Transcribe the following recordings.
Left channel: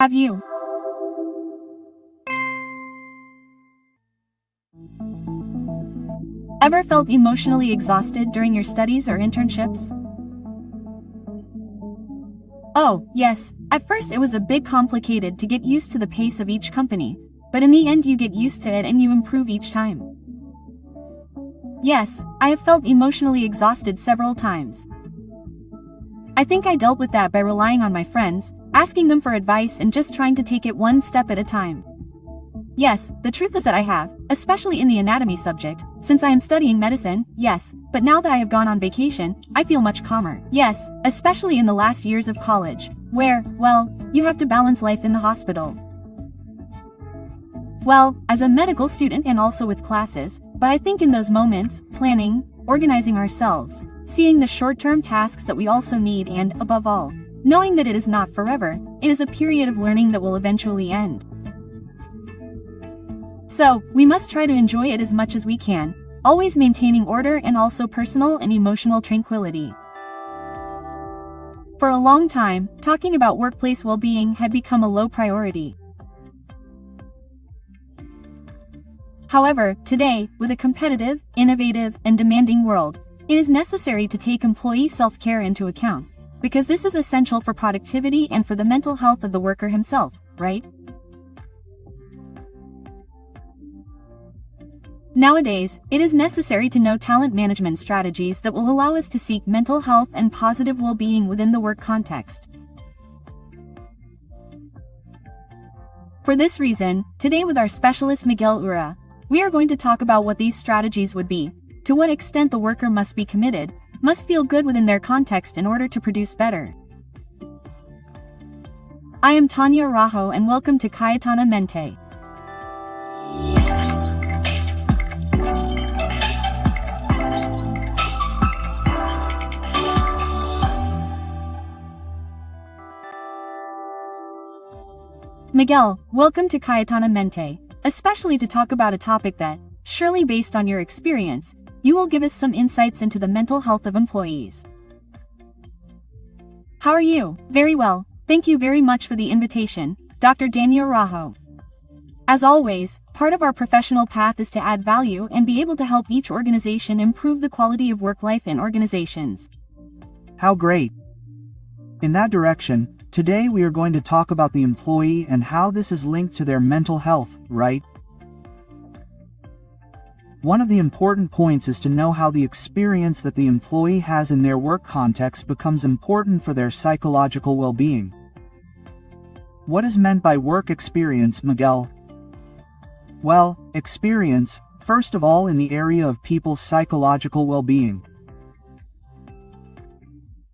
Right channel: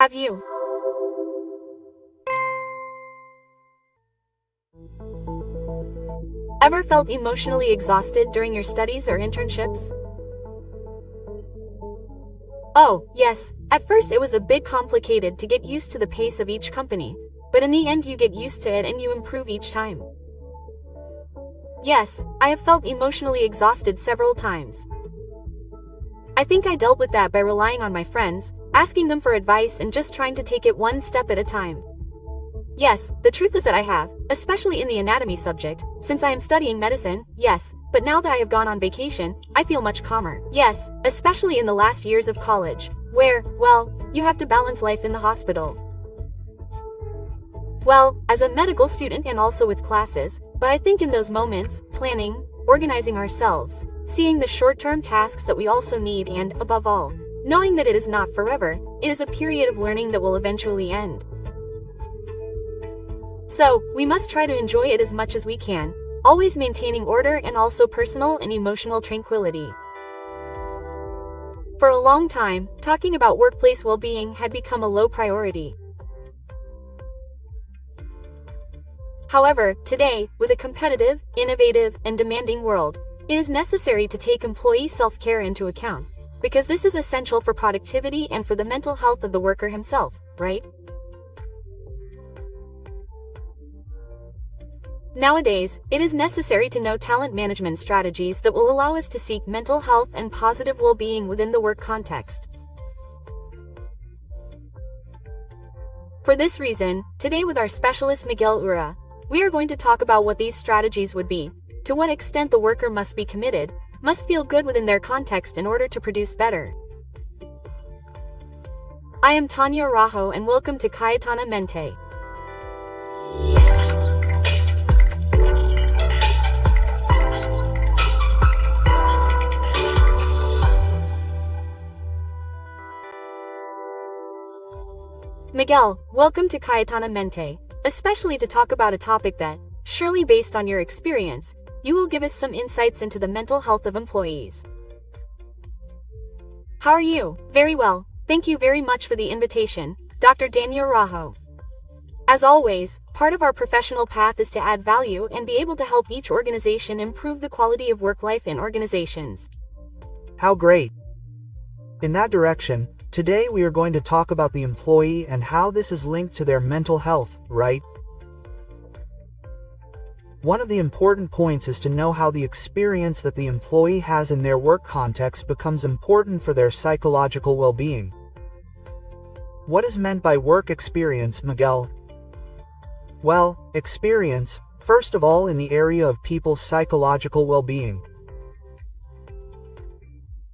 Have you ever felt emotionally exhausted during your studies or internships? Oh, yes, at first it was a bit complicated to get used to the pace of each company, but in the end you get used to it and you improve each time. Yes, I have felt emotionally exhausted several times. I think I dealt with that by relying on my friends, asking them for advice and just trying to take it one step at a time. Yes, the truth is that I have, especially in the anatomy subject, since I am studying medicine, yes, but now that I have gone on vacation, I feel much calmer. Yes, especially in the last years of college, where, well, you have to balance life in the hospital. Well, as a medical student and also with classes, but I think in those moments, planning, organizing ourselves, seeing the short-term tasks that we also need and, above all, knowing that it is not forever, it is a period of learning that will eventually end. So, we must try to enjoy it as much as we can, always maintaining order and also personal and emotional tranquility. For a long time, talking about workplace well-being had become a low priority. However, today, with a competitive, innovative, and demanding world, it is necessary to take employee self-care into account, because this is essential for productivity and for the mental health of the worker himself, right? Nowadays, it is necessary to know talent management strategies that will allow us to seek mental health and positive well-being within the work context. For this reason, today with our specialist Miguel, we are going to talk about what these strategies would be, to what extent the worker must be committed, must feel good within their context in order to produce better. I am Tanya Rajo and welcome to Cayetanamente. Miguel, welcome to Cayetanamente, especially to talk about a topic that, surely based on your experience, you will give us some insights into the mental health of employees. How are you? Very well, thank you very much for the invitation, Dr. Daniel Rajo. As always, part of our professional path is to add value and be able to help each organization improve the quality of work life in organizations. How great! In that direction, today we are going to talk about the employee and how this is linked to their mental health, right? One of the important points is to know how the experience that the employee has in their work context becomes important for their psychological well-being. What is meant by work experience, Miguel? Well, experience, first of all in the area of people's psychological well-being.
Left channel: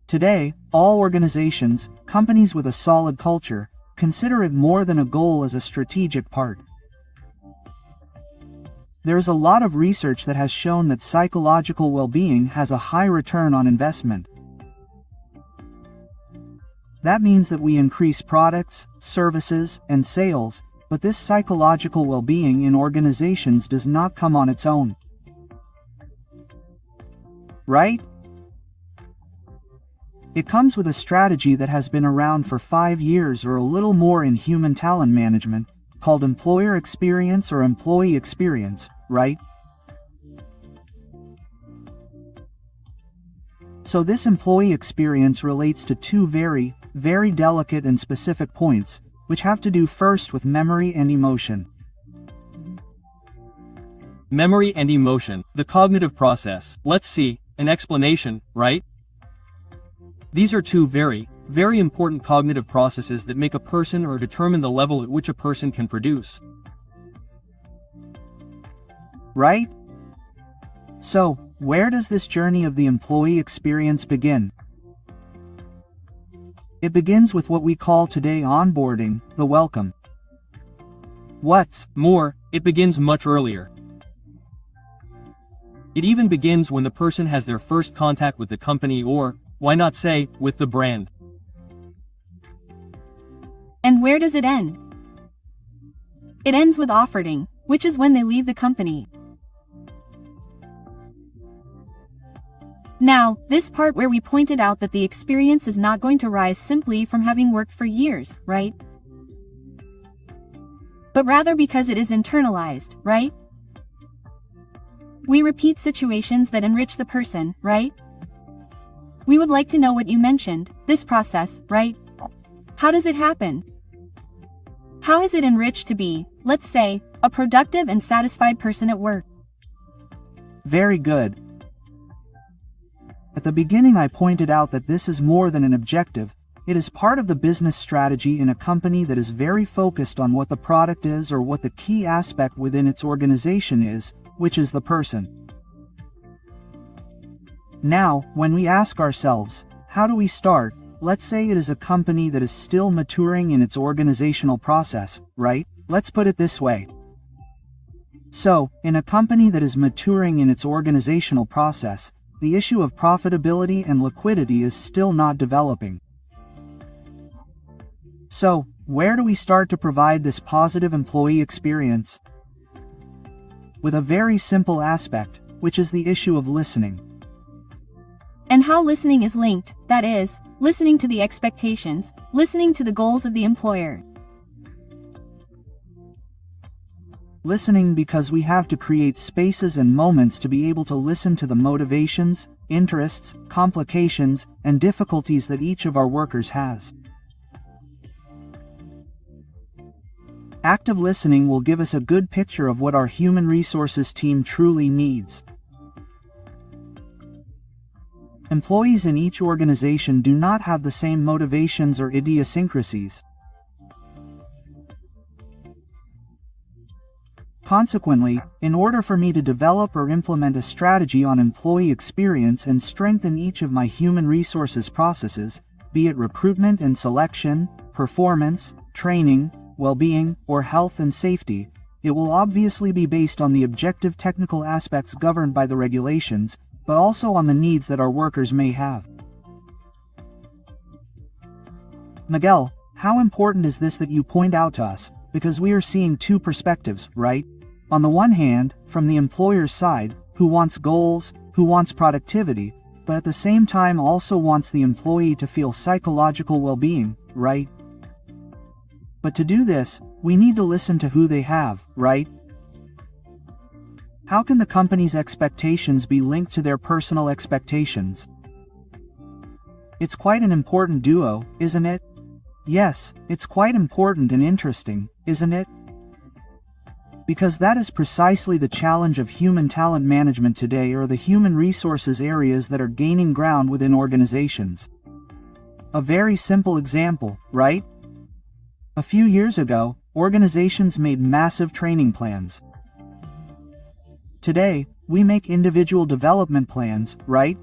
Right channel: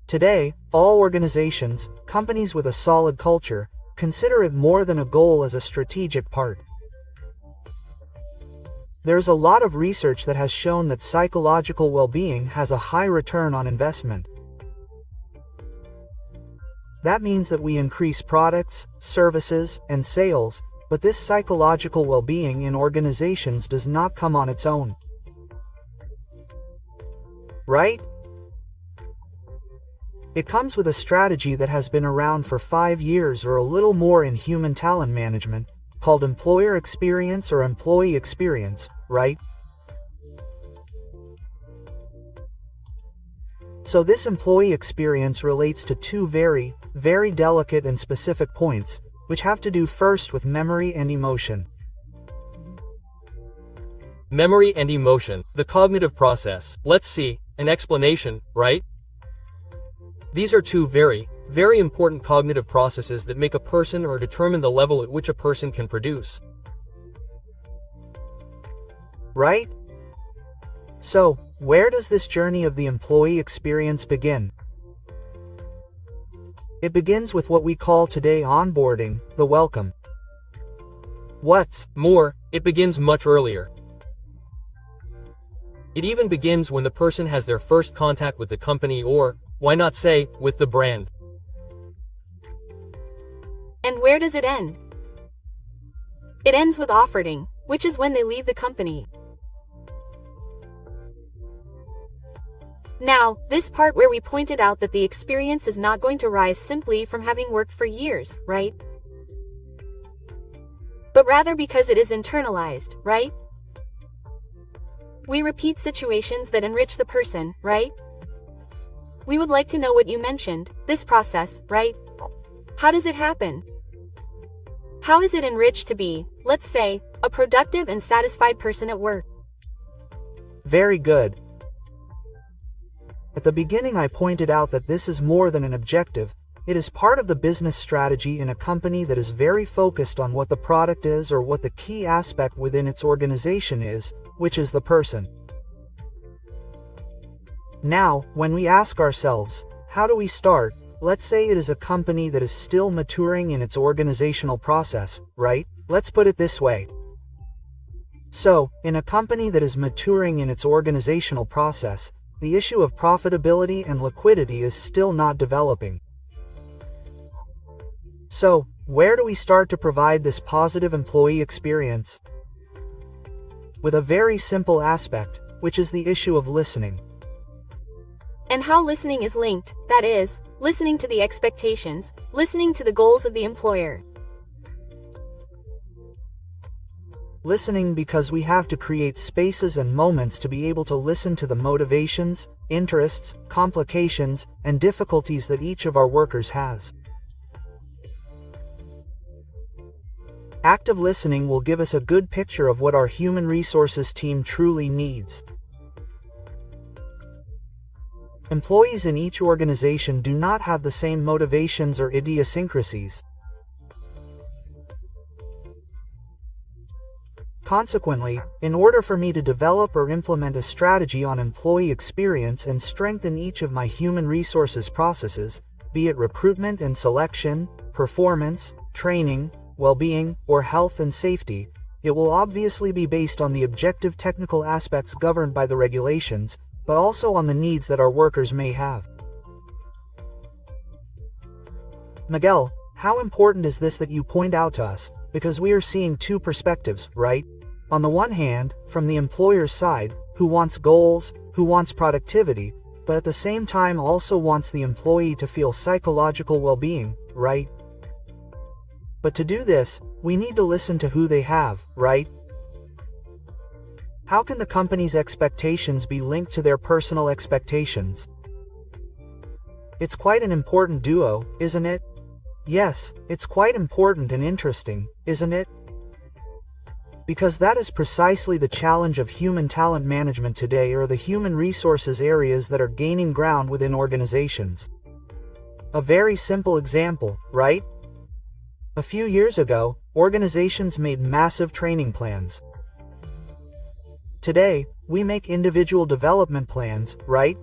Today, all organizations, companies with a solid culture, consider it more than a goal as a strategic part. There's a lot of research that has shown that psychological well-being has a high return on investment. That means that we increase products, services, and sales, but this psychological well-being in organizations does not come on its own. Right? It comes with a strategy that has been around for 5 years or a little more in human talent management, called employer experience or employee experience, right? So this employee experience relates to two very delicate and specific points, which have to do first with memory and emotion. Memory and emotion, the cognitive process. Let's see, an explanation, right? These are two very important cognitive processes that make a person or determine the level at which a person can produce. Right? So, where does this journey of the employee experience begin? It begins with what we call today onboarding, the welcome. What's more, it begins much earlier. It even begins when the person has their first contact with the company or, why not say, with the brand. And where does it end? It ends with offering, which is when they leave the company. Now, this part where we pointed out that the experience is not going to rise simply from having worked for years, right? but rather because it is internalized, right? We repeat situations that enrich the person, right? We would like to know what you mentioned, this process, right? How does it happen? How is it enriched to be, let's say, a productive and satisfied person at work? Very good. At the beginning I pointed out that this is more than an objective, it is part of the business strategy in a company that is very focused on what the product is or what the key aspect within its organization is, which is the person. Now, when we ask ourselves, how do we start? Let's say it is a company that is still maturing in its organizational process, right? Let's put it this way. So, in a company that is maturing in its organizational process, the issue of profitability and liquidity is still not developing. So, where do we start to provide this positive employee experience? With a very simple aspect, which is the issue of listening. And how listening is linked, that is, listening to the expectations, listening to the goals of the employer. Listening because we have to create spaces and moments to be able to listen to the motivations, interests, complications, and difficulties that each of our workers has. Active listening will give us a good picture of what our human resources team truly needs. Employees in each organization do not have the same motivations or idiosyncrasies. Consequently, in order for me to develop or implement a strategy on employee experience and strengthen each of my human resources processes, be it recruitment and selection, performance, training, well-being, or health and safety, it will obviously be based on the objective technical aspects governed by the regulations, but also on the needs that our workers may have. Miguel, how important is this that you point out to us, because we are seeing two perspectives, right? On the one hand, from the employer's side, who wants goals, who wants productivity, but at the same time also wants the employee to feel psychological well-being, right? But to do this, we need to listen to who they have, right? How can the company's expectations be linked to their personal expectations? It's quite an important duo, isn't it? Yes, it's quite important and interesting, isn't it? Because that is precisely the challenge of human talent management today, or the human resources areas that are gaining ground within organizations. A very simple example, right? A few years ago, organizations made massive training plans. Today, we make individual development plans, right?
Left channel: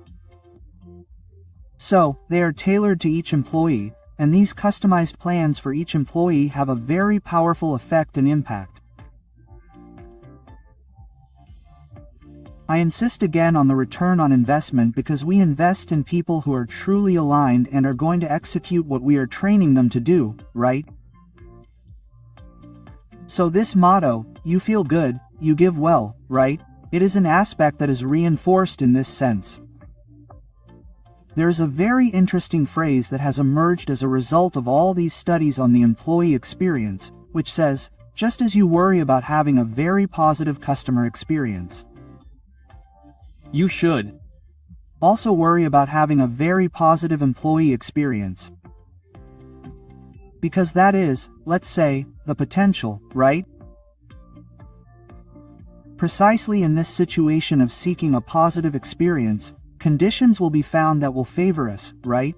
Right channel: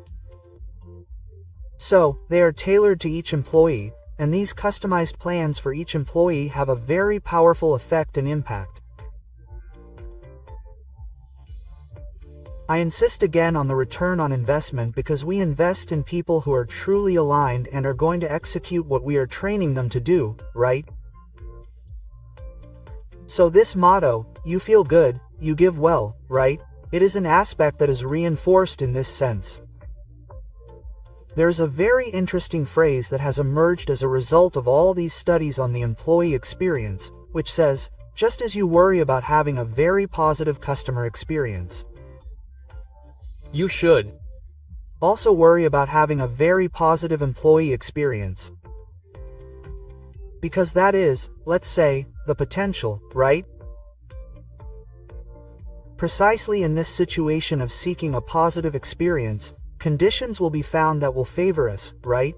So, they are tailored to each employee, and these customized plans for each employee have a very powerful effect and impact. I insist again on the return on investment because we invest in people who are truly aligned and are going to execute what we are training them to do, right? So this motto, you feel good, you give well, right? It is an aspect that is reinforced in this sense. There is a very interesting phrase that has emerged as a result of all these studies on the employee experience, which says, just as you worry about having a very positive customer experience, You should also worry about having a very positive employee experience. Because that is, let's say, the potential, right? Precisely in this situation of seeking a positive experience, conditions will be found that will favor us, right?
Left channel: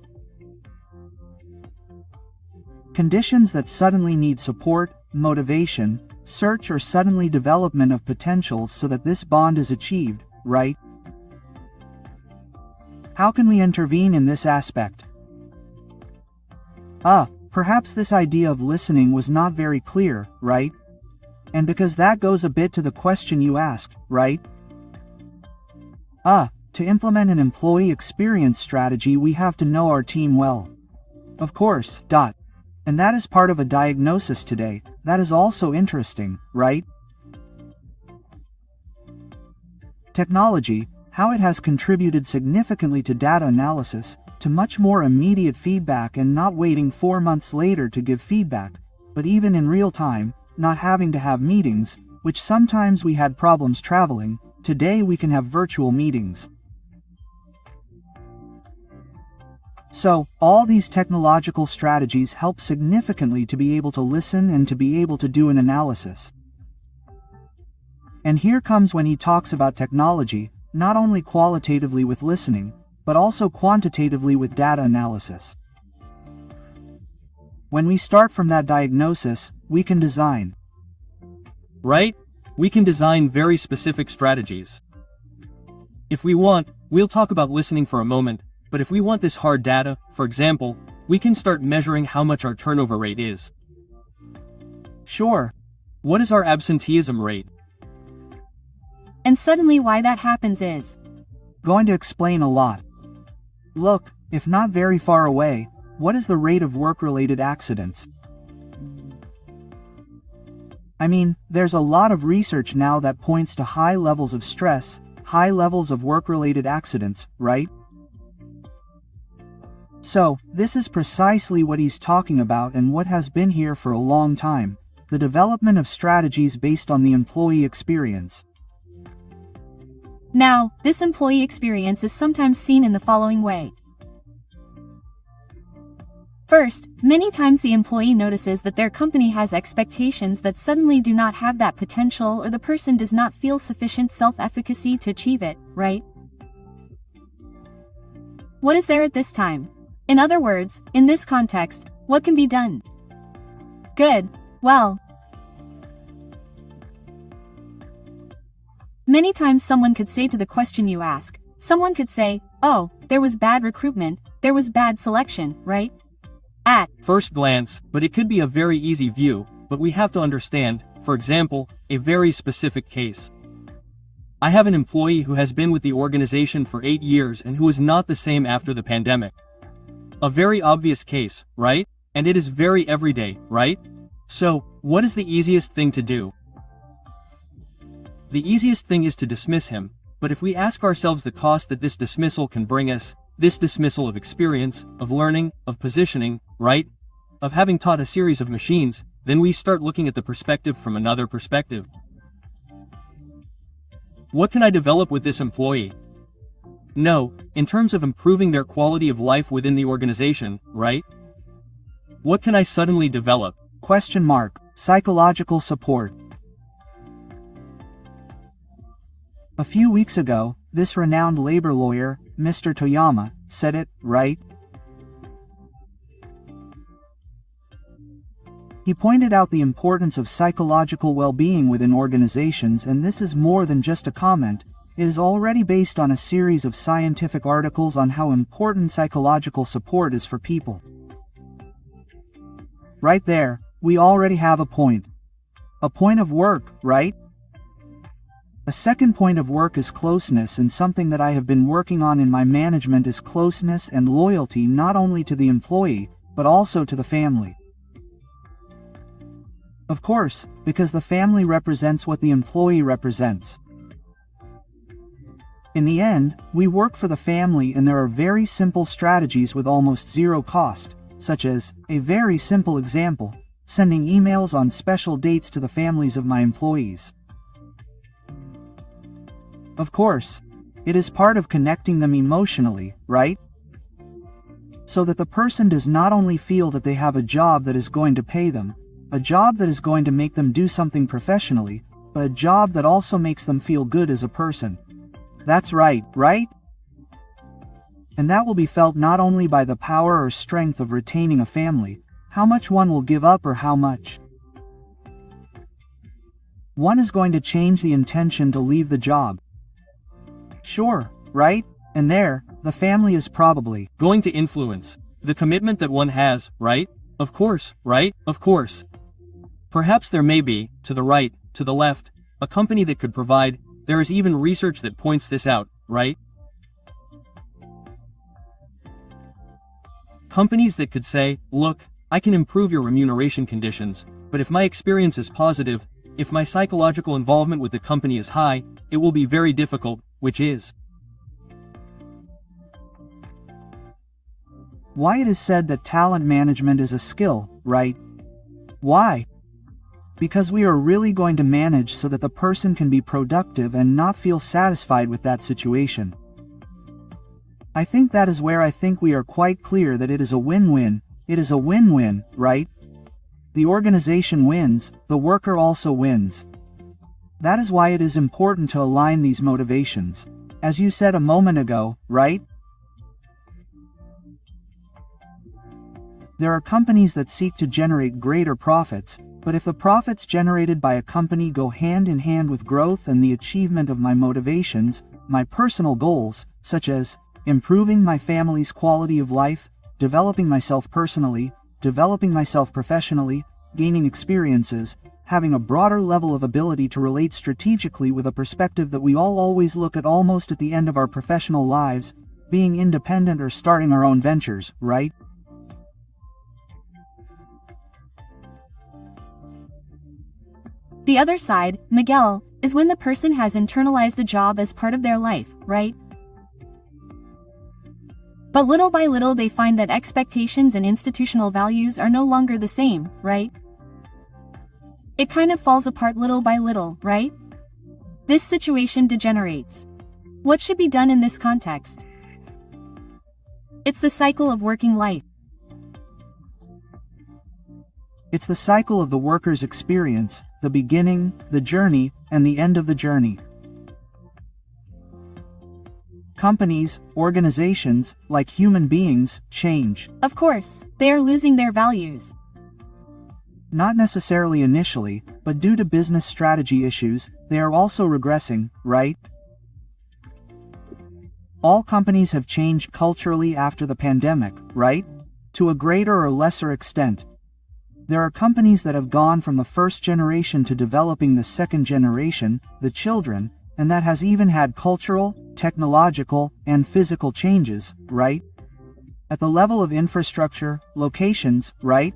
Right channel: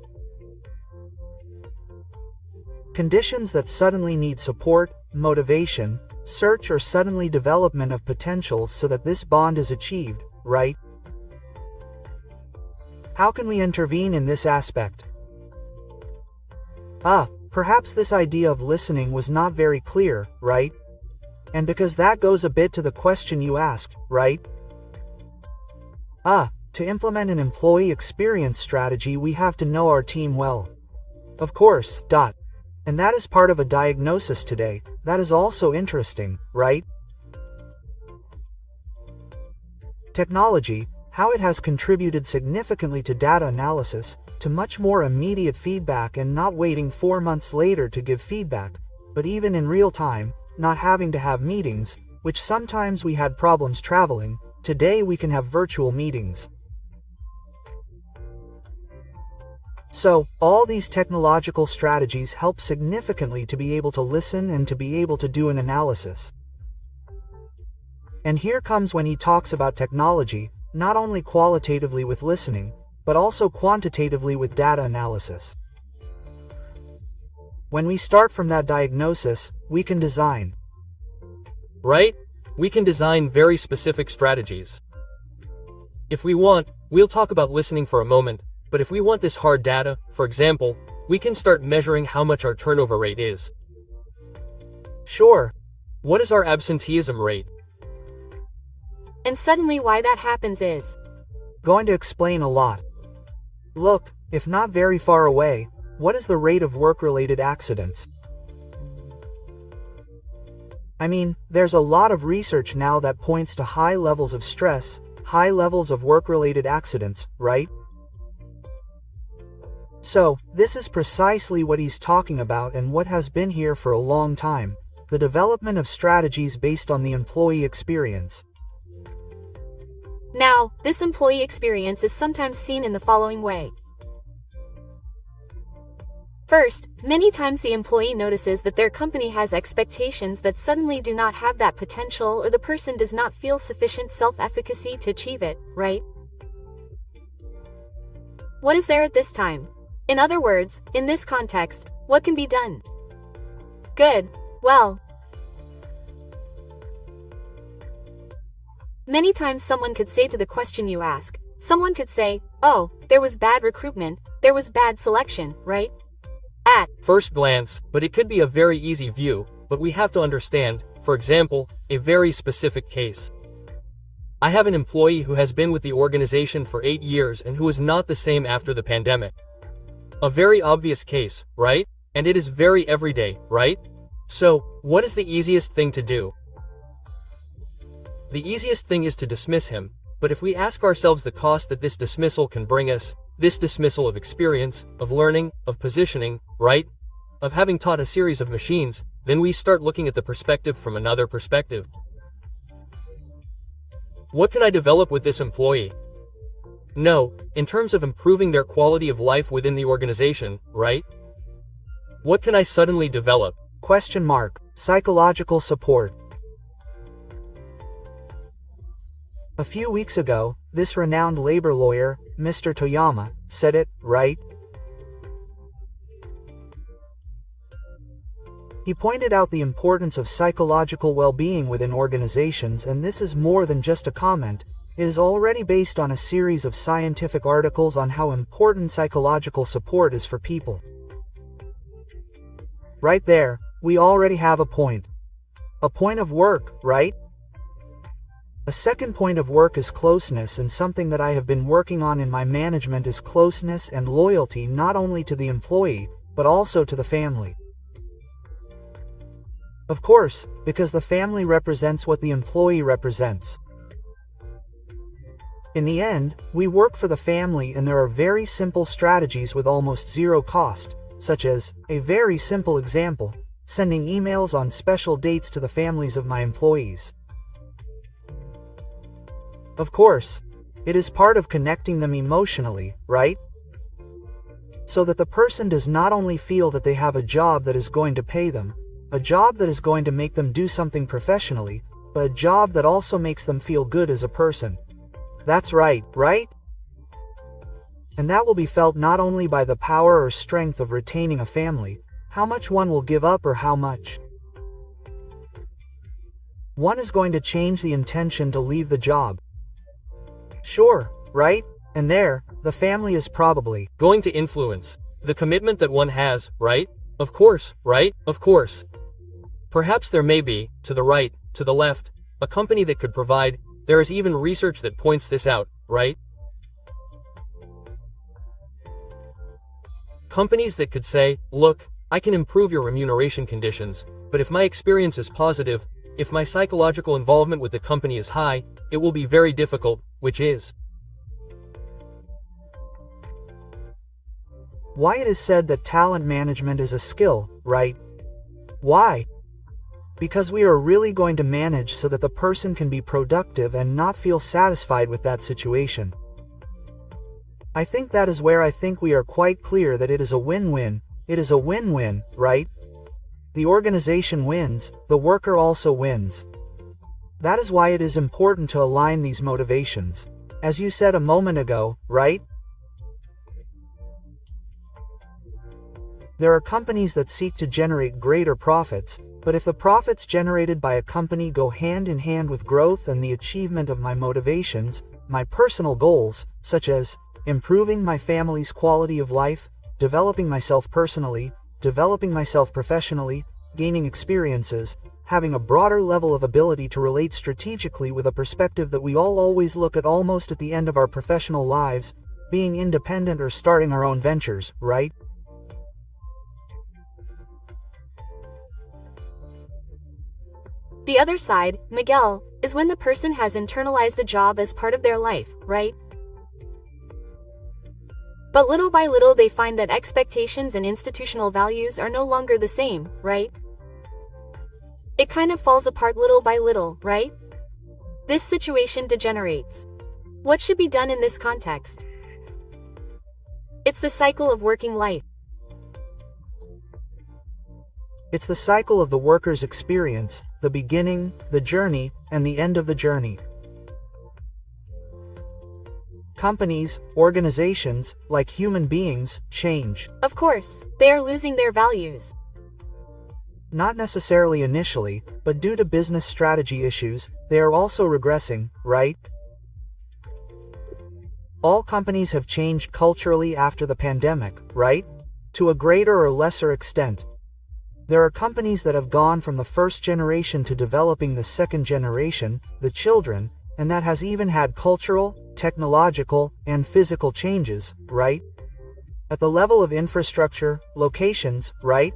Conditions that suddenly need support, motivation, search or suddenly development of potentials so that this bond is achieved, right? How can we intervene in this aspect? Perhaps this idea of listening was not very clear, right? And because that goes a bit to the question you asked, right? To implement an employee experience strategy we have to know our team well. Of course, And that is part of a diagnosis today, that is also interesting, right? Technology, how it has contributed significantly to data analysis, to much more immediate feedback and not waiting 4 months later to give feedback, but even in real time, not having to have meetings, which sometimes we had problems traveling. Today we can have virtual meetings. So, all these technological strategies help significantly to be able to listen and to be able to do an analysis. And here comes when he talks about technology, not only qualitatively with listening, but also quantitatively with data analysis. When we start from that diagnosis, we can design. Right? We can design very specific strategies. If we want, we'll talk about listening for a moment, but if we want this hard data, for example, we can start measuring how much our turnover rate is. Sure. What is our absenteeism rate? And suddenly why that happens is going to explain a lot. Look, if not very far away, what is the rate of work-related accidents? I mean, there's a lot of research now that points to high levels of stress, high levels of work-related accidents, right? So, this is precisely what he's talking about and what has been here for a long time, the development of strategies based on the employee experience. Now, this employee experience is sometimes seen in the following way. First, many times the employee notices that their company has expectations that suddenly do not have that potential, or the person does not feel sufficient self-efficacy to achieve it, right? What is there at this time? In other words, in this context, what can be done? Good. Well, many times someone could say to the question you ask, someone could say, oh, there was bad recruitment, there was bad selection, right? At first glance, but it could be a very easy view, but we have to understand, for example, a very specific case. I have an employee who has been with the organization for 8 years and who is not the same after the pandemic. A very obvious case, right? And it is very everyday, right? So, what is the easiest thing to do? The easiest thing is to dismiss him, but if we ask ourselves the cost that this dismissal can bring us, this dismissal of experience, of learning, of positioning, right? Of having taught a series of machines, then we start looking at the perspective from another perspective. What can I develop with this employee? No, in terms of improving their quality of life within the organization, right? What can I suddenly develop? Question mark. Psychological support. A few weeks ago, this renowned labor lawyer, Mr. Toyama, said it, right? He pointed out the importance of psychological well-being within organizations, and this is more than just a comment. It is already based on a series of scientific articles on how important psychological support is for people. Right there, we already have a point. A point of work, right? A second point of work is closeness, and something that I have been working on in my management is closeness and loyalty, not only to the employee, but also to the family. Of course, because the family represents what the employee represents. In the end, we work for the family, and there are very simple strategies with almost zero cost, such as, a very simple example, sending emails on special dates to the families of my employees. Of course, it is part of connecting them emotionally, right? So that the person does not only feel that they have a job that is going to pay them, a job that is going to make them do something professionally, but a job that also makes them feel good as a person. That's right, right? And that will be felt not only by the power or strength of retaining a family, how much one will give up or how much one is going to change the intention to leave the job. Sure, right? And there, the family is probably going to influence the commitment that one has, right? Of course, right? Of course. Perhaps there may be, to the right, to the left, a company that could provide. There is even research that points this out, right? Companies that could say, look, I can improve your remuneration conditions, but if my experience is positive, if my psychological involvement with the company is high, it will be very difficult, which is why it is said that talent management is a skill, right? Why? Because we are really going to manage so that the person can be productive and not feel satisfied with that situation. I think that is where I think we are quite clear that it is a win-win. It is a win-win, right? The organization wins, the worker also wins. That is why it is important to align these motivations. As you said a moment ago, right? There are companies that seek to generate greater profits, but if the profits generated by a company go hand in hand with growth and the achievement of my motivations, my personal goals, such as improving my family's quality of life, developing myself personally, developing myself professionally, gaining experiences, having a broader level of ability to relate strategically with a perspective that we all always look at almost at the end of our professional lives, being independent or starting our own ventures, right? The other side, Miguel, is when the person has internalized a job as part of their life, right? But little by little they find that expectations and institutional values are no longer the same, right? It kind of falls apart little by little, right? This situation degenerates. What should be done in this context? It's the cycle of working life. It's the cycle of the worker's experience, the beginning, the journey, and the end of the journey. Companies, organizations, like human beings, change. Of course, they are losing their values. Not necessarily initially, but due to business strategy issues, they are also regressing, right? All companies have changed culturally after the pandemic, right? To a greater or lesser extent. There are companies that have gone from the first generation to developing the second generation, the children, and that has even had cultural, technological, and physical changes, right? At the level of infrastructure, locations, right?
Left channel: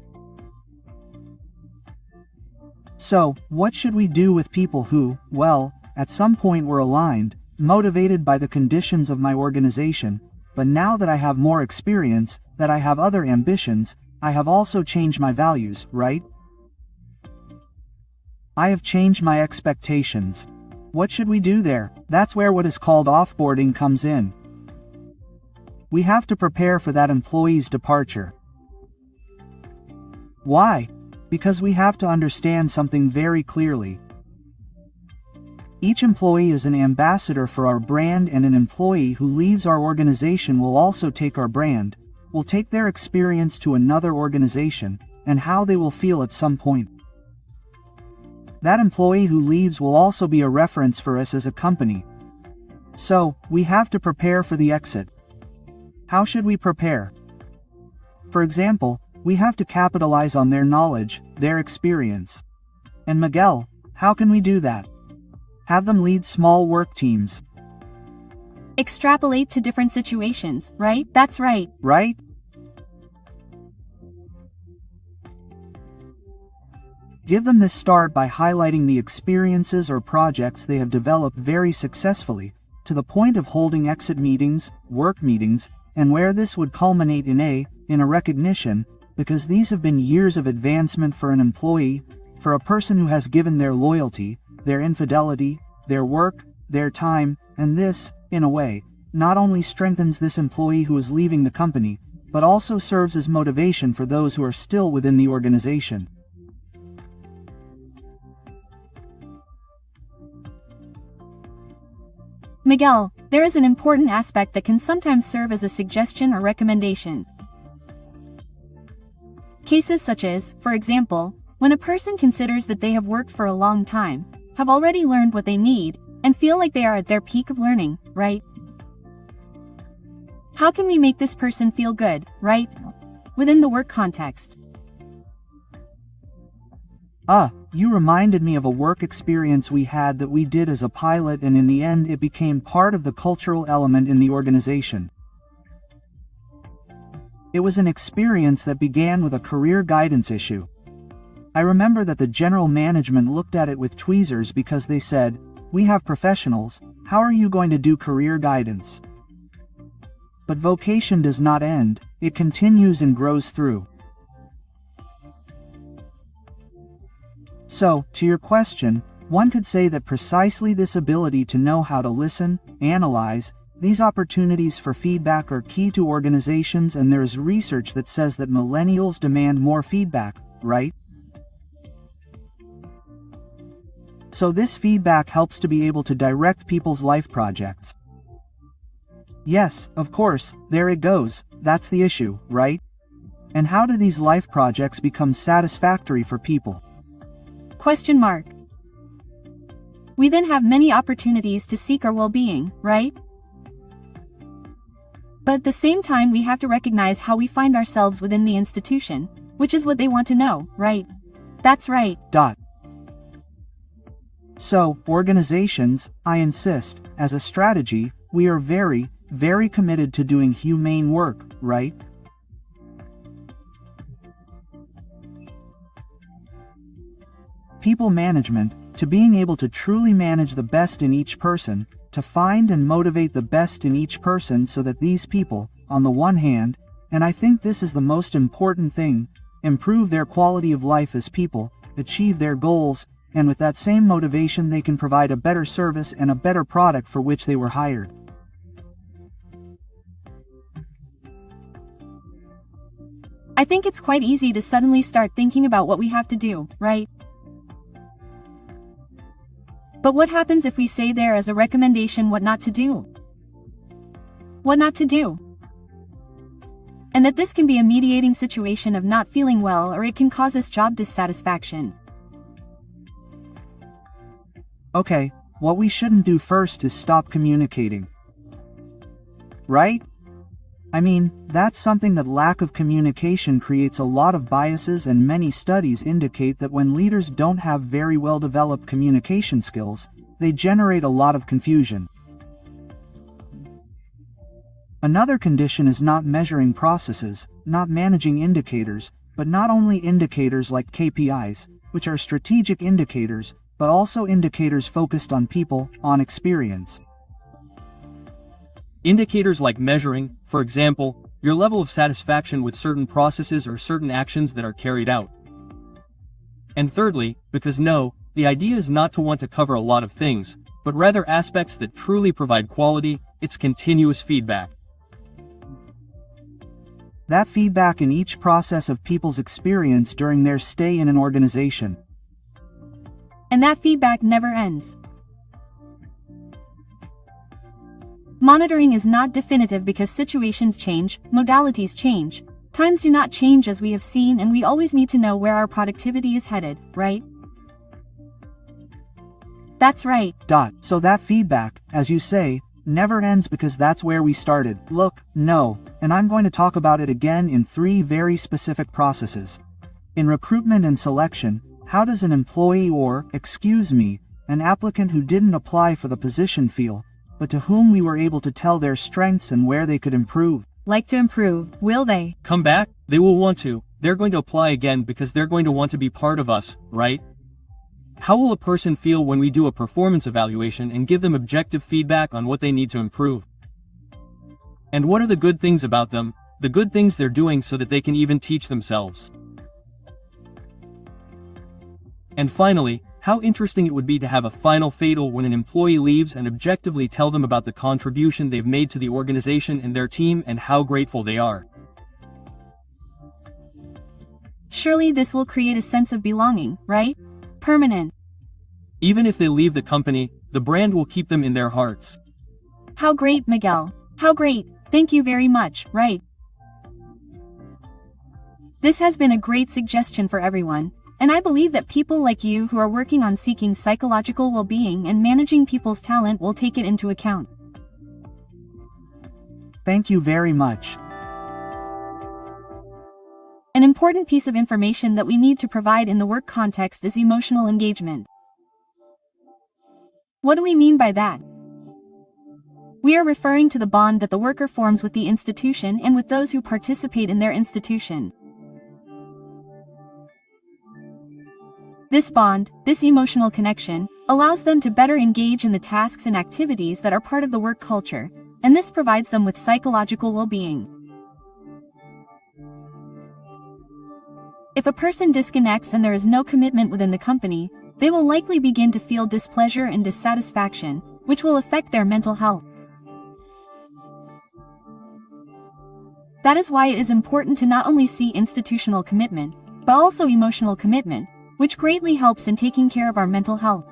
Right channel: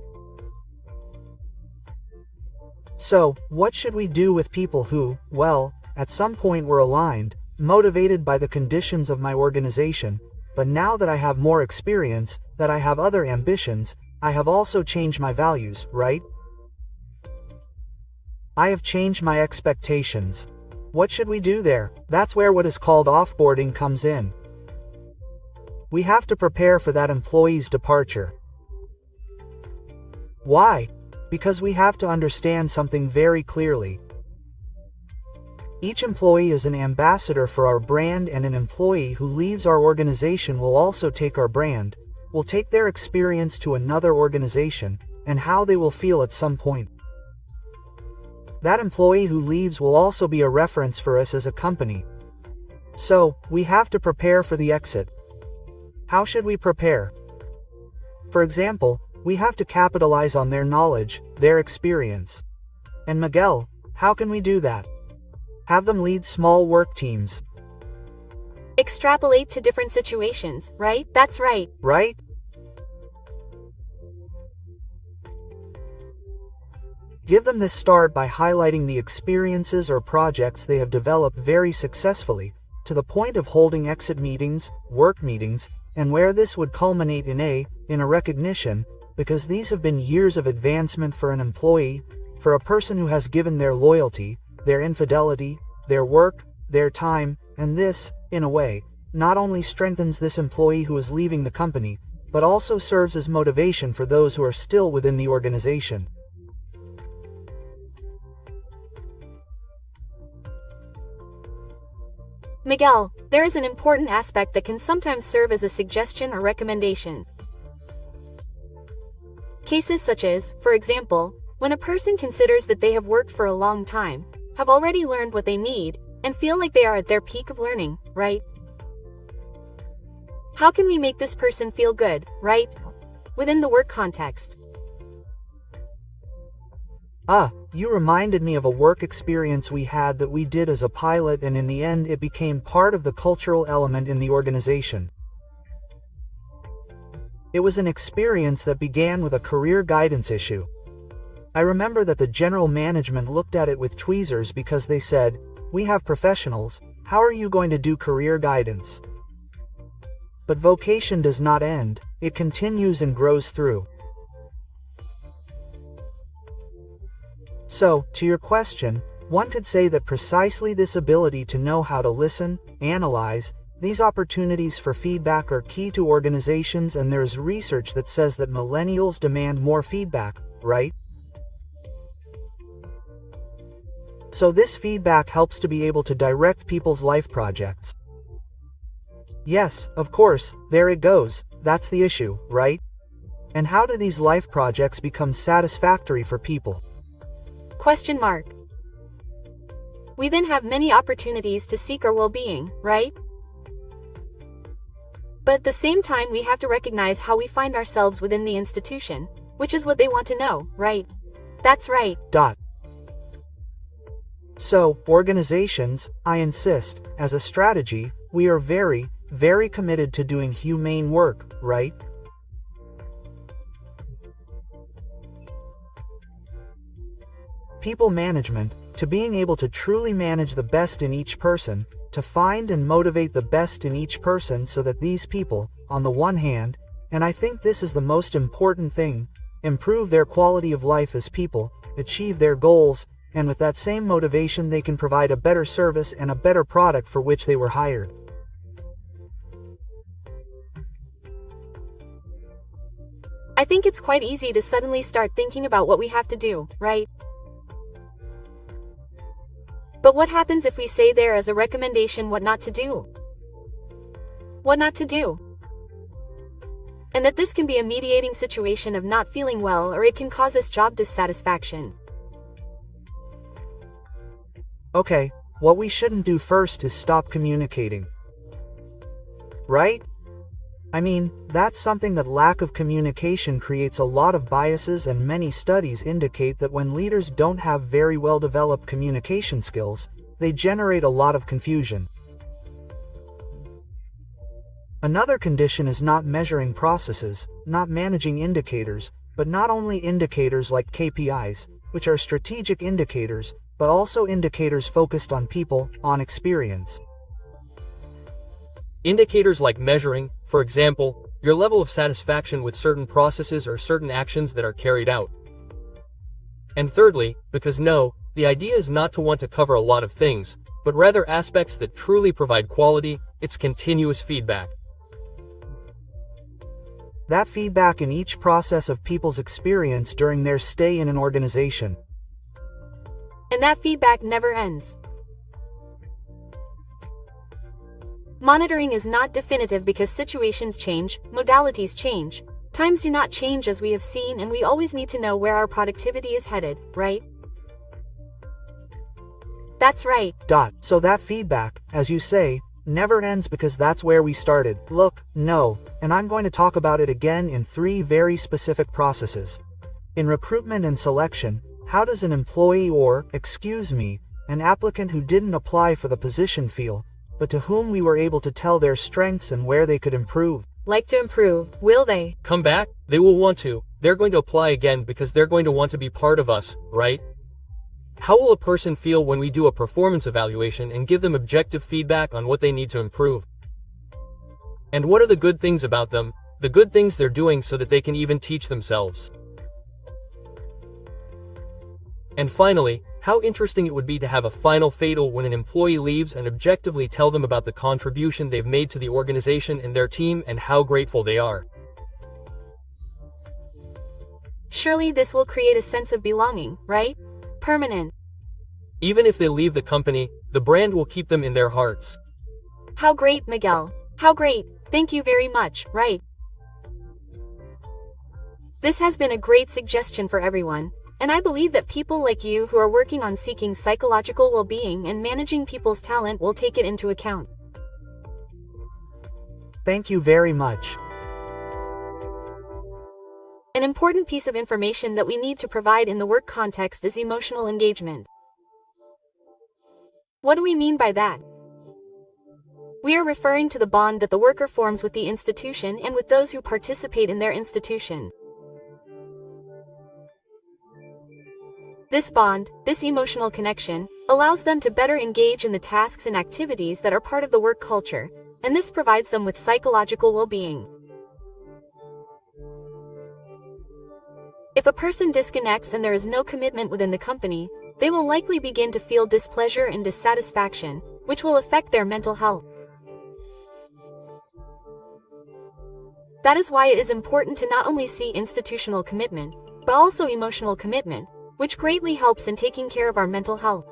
So, what should we do with people who, well, at some point were aligned, motivated by the conditions of my organization, but now that I have more experience, that I have other ambitions, I have also changed my values, right? I have changed my expectations. What should we do there? That's where what is called offboarding comes in. We have to prepare for that employee's departure. Why? Because we have to understand something very clearly. Each employee is an ambassador for our brand, and an employee who leaves our organization will also take our brand, will take their experience to another organization, and how they will feel at some point. That employee who leaves will also be a reference for us as a company. So, we have to prepare for the exit. How should we prepare? For example, we have to capitalize on their knowledge, their experience. And Miguel, how can we do that? Have them lead small work teams. Extrapolate to different situations, right? That's right. Right? Give them this start by highlighting the experiences or projects they have developed very successfully, to the point of holding exit meetings, work meetings, and where this would culminate in a recognition, because these have been years of advancement for an employee, for a person who has given their loyalty, their infidelity, their work, their time, and this, in a way, not only strengthens this employee who is leaving the company, but also serves as motivation for those who are still within the organization. Miguel, there is an important aspect that can sometimes serve as a suggestion or recommendation. Cases such as, for example, when a person considers that they have worked for a long time, have already learned what they need, and feel like they are at their peak of learning, right? How can we make this person feel good, right? Within the work context. You reminded me of a work experience we had that we did as a pilot, and in the end it became part of the cultural element in the organization. It was an experience that began with a career guidance issue. I remember that the general management looked at it with tweezers because they said, "We have professionals, how are you going to do career guidance?" But vocation does not end, it continues and grows through. So, to your question, one could say that precisely this ability to know how to listen, analyze, these opportunities for feedback are key to organizations, and there's research that says that millennials demand more feedback, right? So this feedback helps to be able to direct people's life projects. Yes, of course, there it goes, that's the issue, right? And how do these life projects become satisfactory for people? Question mark. We then have many opportunities to seek our well-being, right? But at the same time we have to recognize how we find ourselves within the institution, which is what they want to know, right? That's right. So, organizations, I insist, as a strategy, we are very, very committed to doing humane work, right? People management, to being able to truly manage the best in each person, to find and motivate the best in each person so that these people, on the one hand, and I think this is the most important thing, improve their quality of life as people, achieve their goals, and with that same motivation they can provide a better service and a better product for which they were hired. I think it's quite easy to suddenly start thinking about what we have to do, right? But what happens if we say there as a recommendation what not to do? What not to do? And that this can be a mediating situation of not feeling well, or it can cause us job dissatisfaction. Okay, what we shouldn't do first is stop communicating. Right? I mean, that's something that lack of communication creates a lot of biases, and many studies indicate that when leaders don't have very well developed communication skills, they generate a lot of confusion. Another condition is not measuring processes, not managing indicators, but not only indicators like KPIs, which are strategic indicators, but also indicators focused on people, on experience. Indicators like measuring, for example, your level of satisfaction with certain processes or certain actions that are carried out. And thirdly, because no, the idea is not to want to cover a lot of things, but rather aspects that truly provide quality, it's continuous feedback. That feedback in each process of people's experience during their stay in an organization. And that feedback never ends. Monitoring is not definitive because situations change, modalities change, times do not change as we have seen, and we always need to know where our productivity is headed, right? That's right. So that feedback, as you say, never ends because that's where we started. Look, no, and I'm going to talk about it again in 3 very specific processes. In recruitment and selection, how does an employee or, an applicant who didn't apply for the position feel, but to whom we were able to tell their strengths and where they could improve? Like to improve, will they? Come back? They will want to. They're going to apply again because they're going to want to be part of us, right? How will a person feel when we do a performance evaluation and give them objective feedback on what they need to improve? And what are the good things about them, the good things they're doing so that they can even teach themselves? And finally, how interesting it would be to have a final fatal when an employee leaves and objectively tell them about the contribution they've made to the organization and their team and how grateful they are. Surely this will create a sense of belonging, right? Permanent. Even if they leave the company, the brand will keep them in their hearts. How great, Miguel. How great. Thank you very much, right? This has been a great suggestion for everyone. And I believe that people like you who are working on seeking psychological well-being and managing people's talent will take it into account. Thank you very much. An important piece of information that we need to provide in the work context is emotional engagement. What do we mean by that? We are referring to the bond that the worker forms with the institution and with those who participate in their institution. This bond, this emotional connection, allows them to better engage in the tasks and activities that are part of the work culture, and this provides them with psychological well-being. If a person disconnects and there is no commitment within the company, they will likely begin to feel displeasure and dissatisfaction, which will affect their mental health. That is why it is important to not only see institutional commitment, but also emotional commitment, which greatly helps in taking care of our mental health.